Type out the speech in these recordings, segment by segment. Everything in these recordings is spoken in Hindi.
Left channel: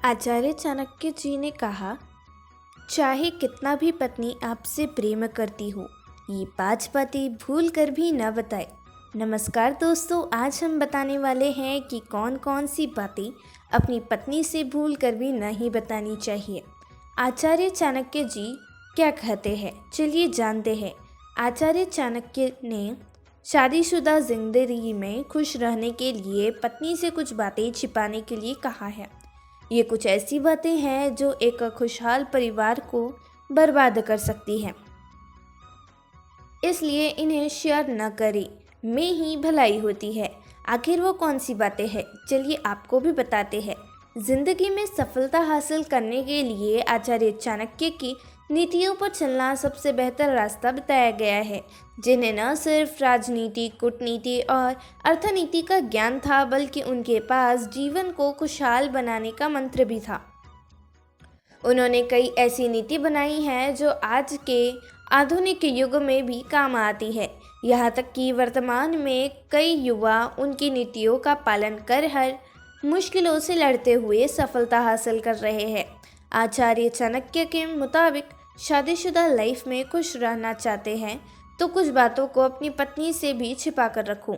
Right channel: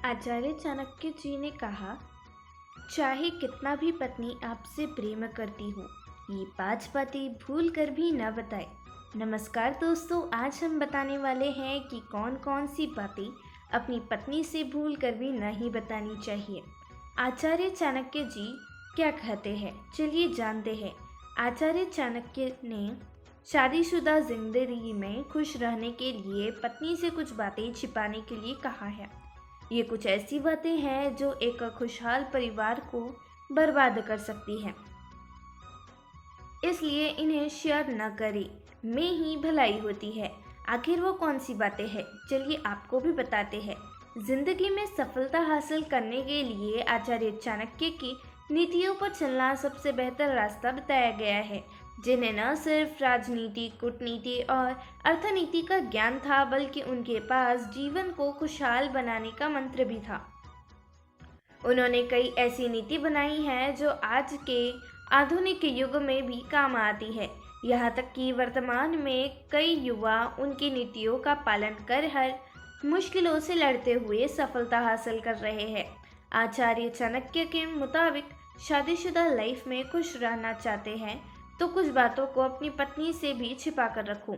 आचार्य चाणक्य जी ने कहा, चाहे कितना भी पत्नी आपसे प्रेम करती हो, ये 5 बातें भूल कर भी न बताए। नमस्कार दोस्तों, आज हम बताने वाले हैं कि कौन कौन सी बातें अपनी पत्नी से भूल कर भी नहीं बतानी चाहिए। आचार्य चाणक्य जी क्या कहते हैं, चलिए जानते हैं। आचार्य चाणक्य ने शादीशुदा जिंदगी में खुश रहने के लिए पत्नी से कुछ बातें छिपाने के लिए कहा है। ये कुछ ऐसी बातें हैं जो एक खुशहाल परिवार को बर्बाद कर सकती हैं, इसलिए इन्हें शेयर न करें, में ही भलाई होती है। आखिर वो कौन सी बातें हैं, चलिए आपको भी बताते हैं। जिंदगी में सफलता हासिल करने के लिए आचार्य चाणक्य की नीतियों पर चलना सबसे बेहतर रास्ता बताया गया है, जिन्हें न सिर्फ राजनीति, कूटनीति और अर्थनीति का ज्ञान था, बल्कि उनके पास जीवन को खुशहाल बनाने का मंत्र भी था। उन्होंने कई ऐसी नीति बनाई है जो आज के आधुनिक युग में भी काम आती है। यहाँ तक कि वर्तमान में कई युवा उनकी नीतियों का पालन कर हर मुश्किलों से लड़ते हुए सफलता हासिल कर रहे हैं। आचार्य चाणक्य के मुताबिक शादीशुदा लाइफ में खुश रहना चाहते हैं तो कुछ बातों को अपनी पत्नी से भी छिपा कर रखो।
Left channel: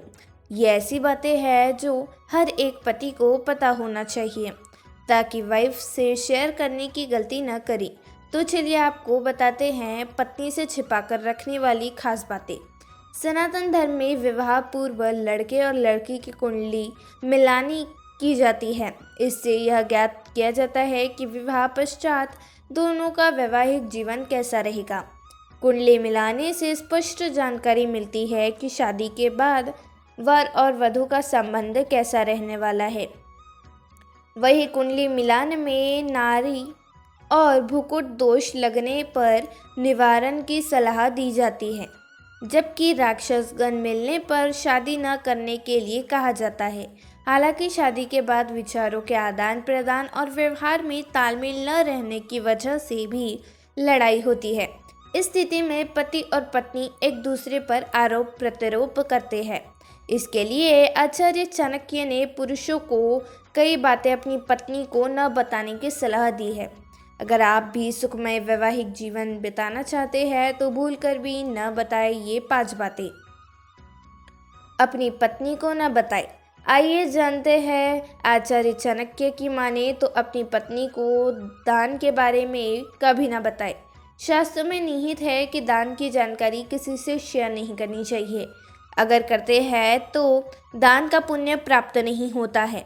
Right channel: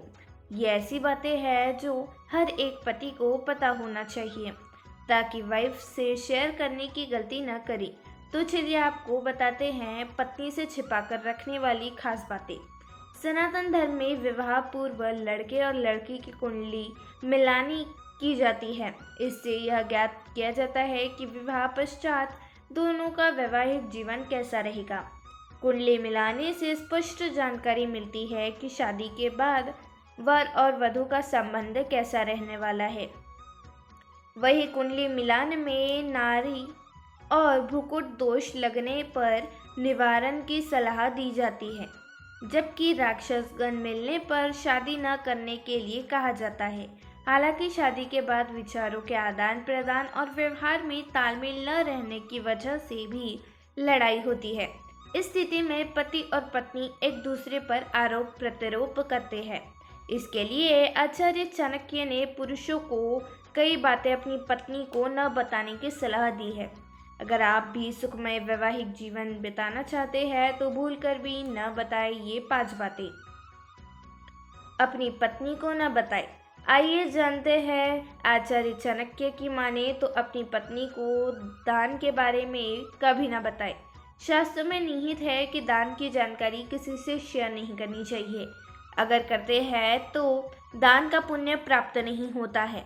ये ऐसी बातें हैं जो हर एक पति को पता होना चाहिए, ताकि वाइफ से शेयर करने की गलती न करें। तो चलिए आपको बताते हैं पत्नी से छिपा कर रखने वाली खास बातें। सनातन धर्म में विवाह पूर्व लड़के और लड़की की कुंडली मिलानी की जाती है। इससे यह ज्ञात किया जाता है कि विवाह पश्चात दोनों का वैवाहिक जीवन कैसा रहेगा। कुंडली मिलाने से स्पष्ट जानकारी मिलती है कि शादी के बाद वर और वधू का संबंध कैसा रहने वाला है। वही कुंडली मिलान में नारी और भ्रूकुट दोष लगने पर निवारण की सलाह दी जाती है, जबकि राक्षसगण मिलने पर शादी न करने के लिए कहा जाता है। हालांकि शादी के बाद विचारों के आदान प्रदान और व्यवहार में तालमेल न रहने की वजह से भी लड़ाई होती है। इस स्थिति में पति और पत्नी एक दूसरे पर आरोप प्रत्यारोप करते हैं। इसके लिए आचार्य चाणक्य ने पुरुषों को कई बातें अपनी पत्नी को न बताने की सलाह दी है। अगर आप भी सुखमय वैवाहिक जीवन बिताना चाहते हैं तो भूल कर भी न बताएं ये 5 बातें। अपनी पत्नी को न बताएं। आइए जानते हैं, आचार्य चाणक्य की माने तो अपनी पत्नी को दान के बारे में कभी न बताएं। शास्त्र में निहित है कि दान की जानकारी किसी से शेयर नहीं करनी चाहिए। अगर करते हैं तो दान का पुण्य प्राप्त नहीं होता है।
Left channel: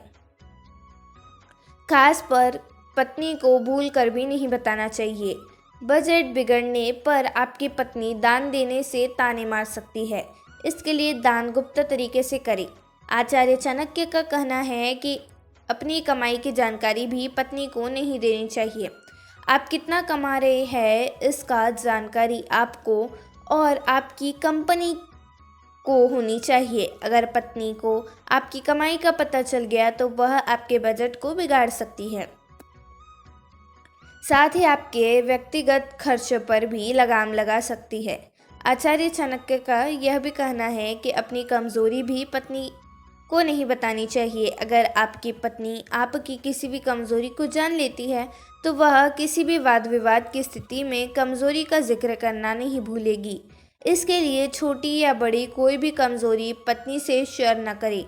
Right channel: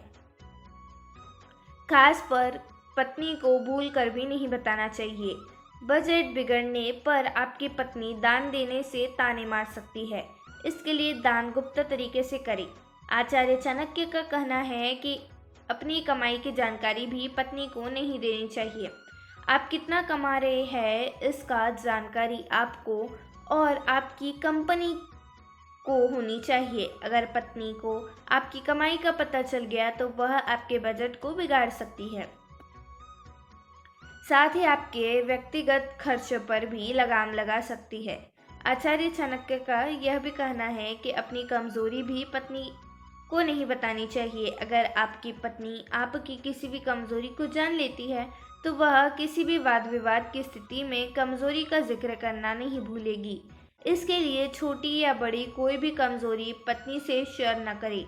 खास पर पत्नी को भूल कर भी नहीं बताना चाहिए। बजट बिगड़ने पर आपकी पत्नी दान देने से ताने मार सकती है, इसके लिए दान गुप्त तरीके से करें। आचार्य चाणक्य का कहना है कि अपनी कमाई की जानकारी भी पत्नी को नहीं देनी चाहिए। आप कितना कमा रहे हैं इसका जानकारी आपको और आपकी कंपनी को होनी चाहिए। अगर पत्नी को आपकी कमाई का पता चल गया तो वह आपके बजट को बिगाड़ सकती है। साथ ही आपके व्यक्तिगत खर्च पर भी लगाम लगा सकती है। आचार्य चाणक्य का यह भी कहना है कि अपनी कमजोरी भी पत्नी को नहीं बतानी चाहिए। अगर आपकी पत्नी आपकी किसी भी कमजोरी को जान लेती है तो वह किसी भी वाद विवाद की स्थिति में कमजोरी का जिक्र करना नहीं भूलेगी। इसके लिए छोटी या बड़ी कोई भी कमजोरी पत्नी से शेयर न करें।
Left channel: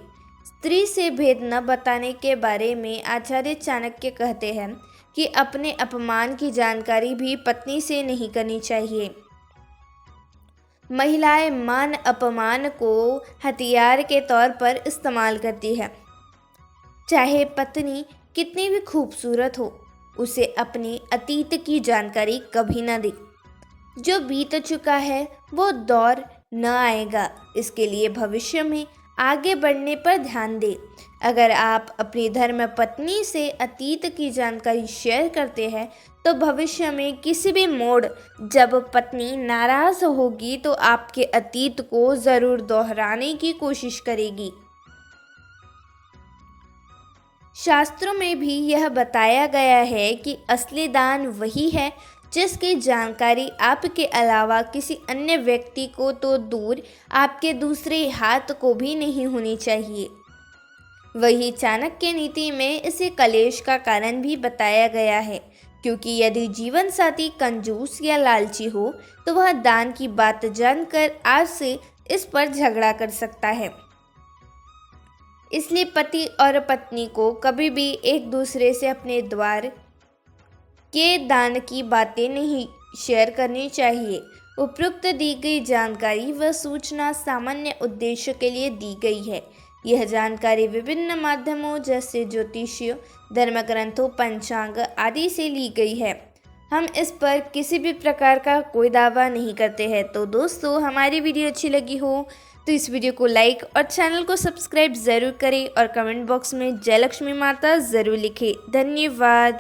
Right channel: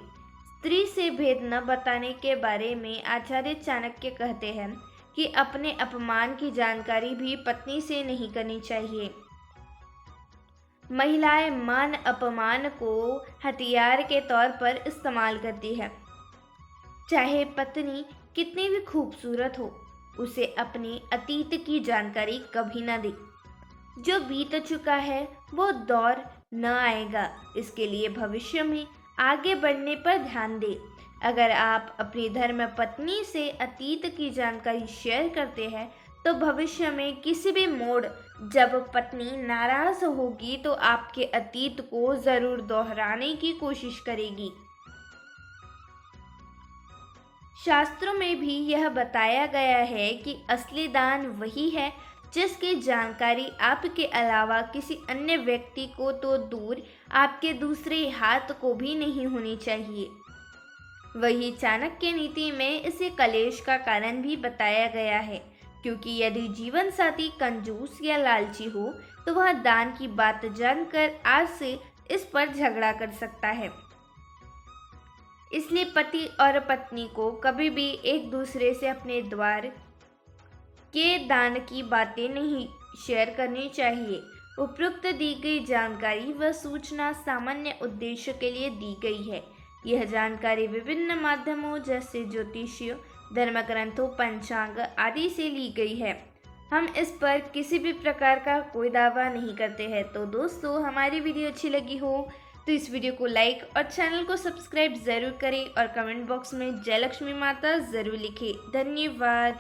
स्त्री से भेद न बताने के बारे में आचार्य चाणक्य कहते हैं कि अपने अपमान की जानकारी भी पत्नी से नहीं करनी चाहिए। महिलाएं मान अपमान को हथियार के तौर पर इस्तेमाल करती है। चाहे पत्नी कितनी भी खूबसूरत हो, उसे अपने अतीत की जानकारी कभी न दे। जो बीत चुका है वो दौर न आएगा, इसके लिए भविष्य में आगे बढ़ने पर ध्यान दें। अगर आप अपनी धर्म पत्नी से अतीत की जानकारी शेयर करते हैं तो भविष्य में किसी भी मोड़ जब पत्नी नाराज होगी तो आपके अतीत को ज़रूर दोहराने की कोशिश करेगी। शास्त्रों में भी यह बताया गया है कि असली दान वही है जिसकी जानकारी आपके अलावा किसी अन्य व्यक्ति को तो दूर, आपके दूसरे हाथ को भी नहीं होनी चाहिए। वही चाणक्य नीति में इसे कलेश का कारण भी बताया गया है, क्योंकि यदि जीवन साथी कंजूस या लालची हो तो वह दान की बात जानकर आज से इस पर झगड़ा कर सकता है। इसलिए पति और पत्नी को कभी भी एक दूसरे से अपने द्वार के दान की बातें नहीं शेयर करनी चाहिए। उपरोक्त दी गई जानकारी व सूचना सामान्य उद्देश्य के लिए दी गई है। यह जानकारी विभिन्न माध्यमों जैसे ज्योतिषीय, धर्म ग्रंथों, पंचांग आदि से ली गई है। हम इस पर किसी भी प्रकार का कोई दावा नहीं करते हैं। तो दोस्तों, हमारी वीडियो अच्छी लगी हो तो इस वीडियो को लाइक और चैनल को सब्सक्राइब ज़रूर करें और कमेंट बॉक्स में जय लक्ष्मी माता ज़रूर लिखें। धन्यवाद।